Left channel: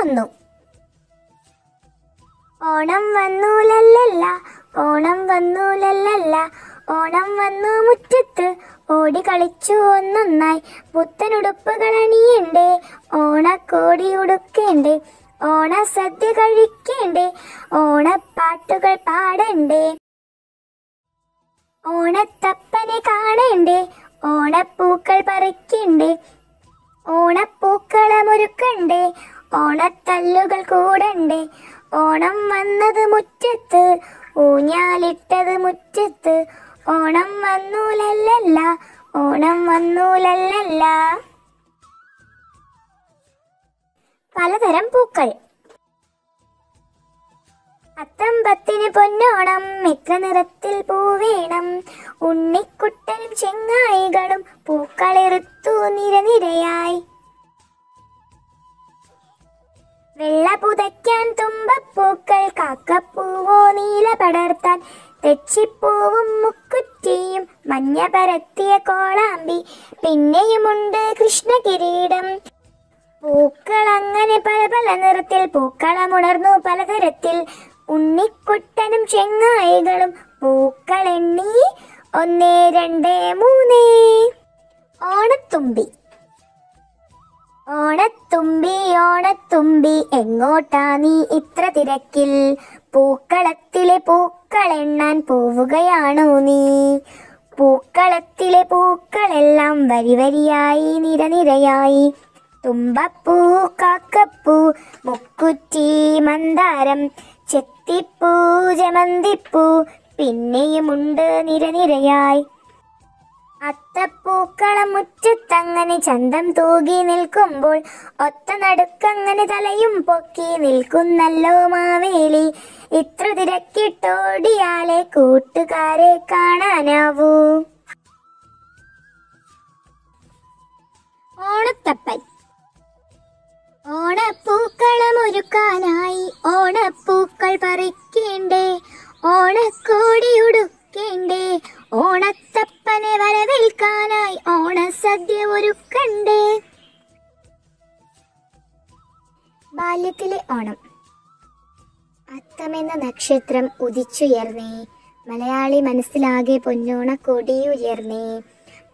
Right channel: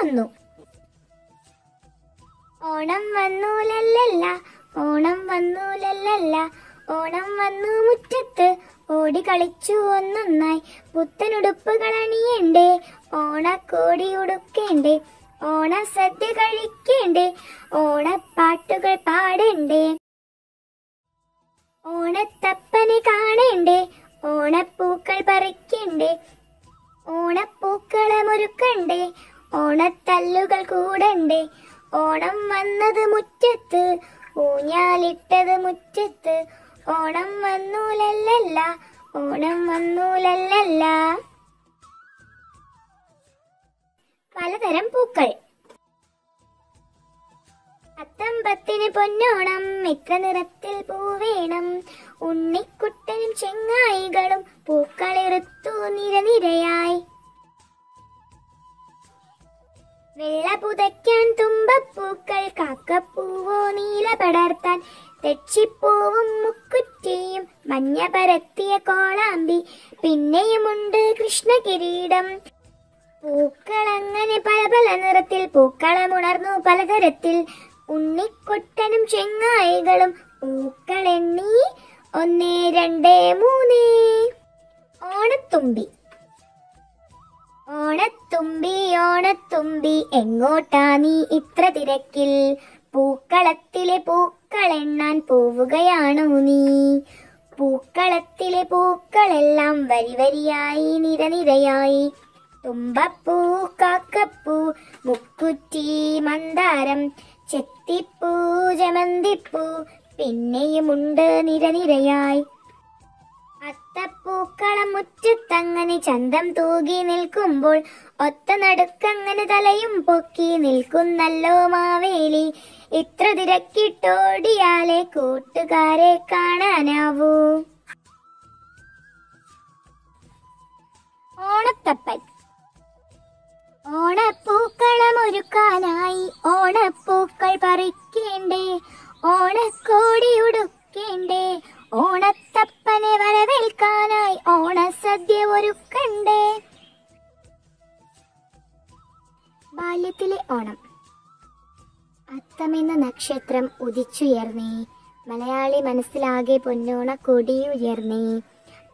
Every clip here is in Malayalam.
വന്നു. ഓണം വന്നു ലല്ലല്ല, ഓണം വന്നു ലല്ലല്ല, ഓണം വന്നു മുറ്റത്ത് ഓടി കളിച്ചു ഒന്നൊന്നായി. പുത്തനുടുപ്പുകൾ അണിയണ്ടേ, ഓണക്കോടി ഉടുക്കേണ്ടേ, ഓണസദ്യ കഴിക്കേണ്ടേ, ഓണപ്പാട്ടുകൾ പാടണ്ടേ, ഓണത്തപ്പനെ കാണേണ്ടേ, ഓണപ്പൂക്കൾ പറിക്കണ്ടേ, ഓണപ്പൂക്കളമൊരുക്കണ്ടേ, ഓണത്തല്ലുകൾ കൂടണ്ടേ. ഓണം വന്നത് മുറ്റത്ത്, ഊഞ്ഞാലിട്ടത് മുറ്റത്ത്, ഓണം വന്നു ലല്ലല്ല, ഓണം വന്നു ലല്ലല്ല. പലതരം പൂക്കൾ. അത്തമ്പത്തിന് പൊന്നോണം, മിക്ക നിറത്തിൽ പൂവേണം, ഉണ്ണിക്കുട്ടനും ചെങ്ങായികളും പൂക്കളിറുത്തു നിരനിരയായി. വെള്ള പുതയ്ക്കാൻ തുമ്പപ്പൂക്കൾ, കാക്കപ്പൂവോ നീല പടർത്താൻ, തെച്ചിപ്പൂവും മുക്കുറ്റിയും മഞ്ഞ പരത്തിയ കോളാമ്പി, പിന്നെയുമുണ്ട് കൃഷ്ണകിരീടം. പൂക്കൾ അങ്ങനെ പല പല നിറത്തിൽ, പൂക്കളമുണർന്നു പലതരത്തിൽ, ഉണ്ണിക്കുട്ടനും ചെങ്ങായികളും പൂക്കൾ എണ്ണി 1 2 3. ഓണത്തുമ്പി. ഓണത്തുമ്പി ഓണത്തുമ്പി എങ്ങോട്ടാ നീ ഇത്ര തിരക്കിൽ, പൂക്കളത്തിലെ പൂക്കൾ എണ്ണാൻ പോവുകയാണോ നീ? പൂക്കളത്തിലെ പൂക്കളെല്ലാം വരി വരിയായി നിരനിരയായി. തുമ്പപ്പൂ, കാക്കപ്പൂ, മുക്കുറ്റി, മന്ദാരം, ചെത്തിപ്പൂ, ജമന്തിപ്പൂ, പിന്നെയുമുണ്ട് നിരനിരയായി. അത്തപ്പൂക്കളം മുറ്റത്തങ്ങനെ ചന്തം തൂകി നിൽക്കുമ്പോൾ, ഒത്ത നടുക്കങ്ങനെ തലയും പൊക്കി നിൽക്കുന്നല്ലോ മാവേലി. ഇത്ര തിരക്കിട്ടോടിയാലേ കൂട്ടുകാരെ കാണാനാവൂ. ഓണത്തപ്പൻ. ഓണപ്പൂക്കളമൊരുക്കാനായി ഓണപ്പൂക്കൾ പറിക്കേണ്ടേ, ഓണക്കോടി ഉടുക്കേണ്ടേ, ഓണത്തപ്പനെ വരവേൽക്കാനായി ഓണസദ്യ ഒരുക്കണ്ടേ. ബാല്യത്തിലെ ഓണം. അത്തമെന്ന നക്ഷത്രം ഉദിച്ചുയർന്നേ, മലയാളി മനസ്സിലാകെ പൊന്നോണ കൊടിയുയർന്നേ.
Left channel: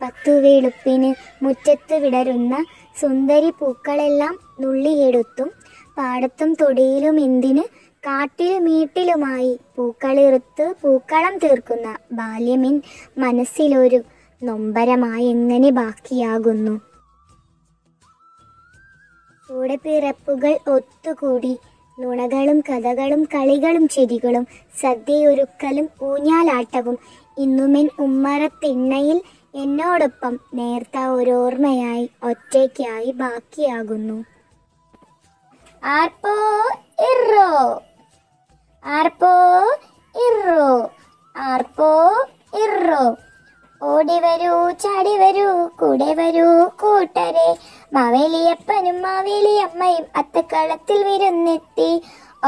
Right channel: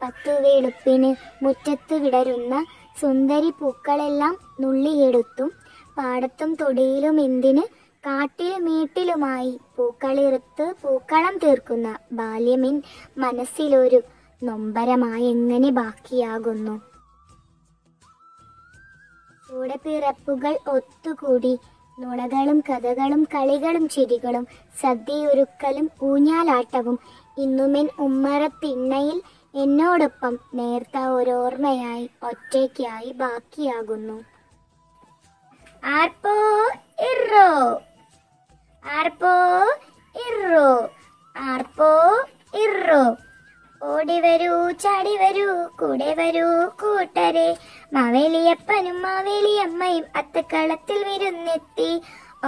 10 വെളുപ്പിന് മുറ്റത്ത് വിടരുന്ന സുന്ദരി പൂക്കളെല്ലാം നുള്ളിയെടുത്തും, പാടത്തും തൊടിയിലും എന്തിന് കാട്ടിലും വീട്ടിലുമായി പൂക്കളിറുത്ത് പൂക്കളം തീർക്കുന്ന ബാല്യമിൻ മനസ്സിലൊരു നൊമ്പരമായി എങ്ങനെ ബാക്കിയാകുന്നു. കൂടെപ്പിറപ്പുകൾ ഒത്തുകൂടി നുണകളും കഥകളും കളികളും ചിരികളും സദ്യയൊരുക്കലും ഊഞ്ഞാലാട്ടവും ഇന്നുമെൻ ഉമ്മറത്തിണ്ണയിൽ എന്നോടൊപ്പം നേർത്ത ഓരോർമ്മയായി ഒറ്റയ്ക്കായി ബാക്കിയാകുന്നു. ആർപ്പോ ഇറോ, ആർപ്പോ ഇറോ, ആർപ്പോ ഇറോ. ഓടി വരൂ ചാടി വരൂ കൂടെ വരൂ കൂട്ടരെ, മാവേലിയപ്പനും മാവേലിയമ്മയും അത്തക്കളത്തിൽ വിരുന്നെത്തി.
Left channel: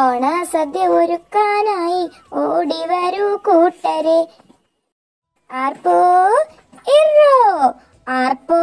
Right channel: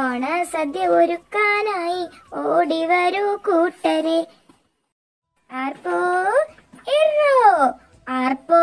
ഓണസദ്യ ഒരുക്കാനായി ഓടി വരൂ കൂട്ടരെ. ആർപ്പോ ഇറോ, ആർപ്പോ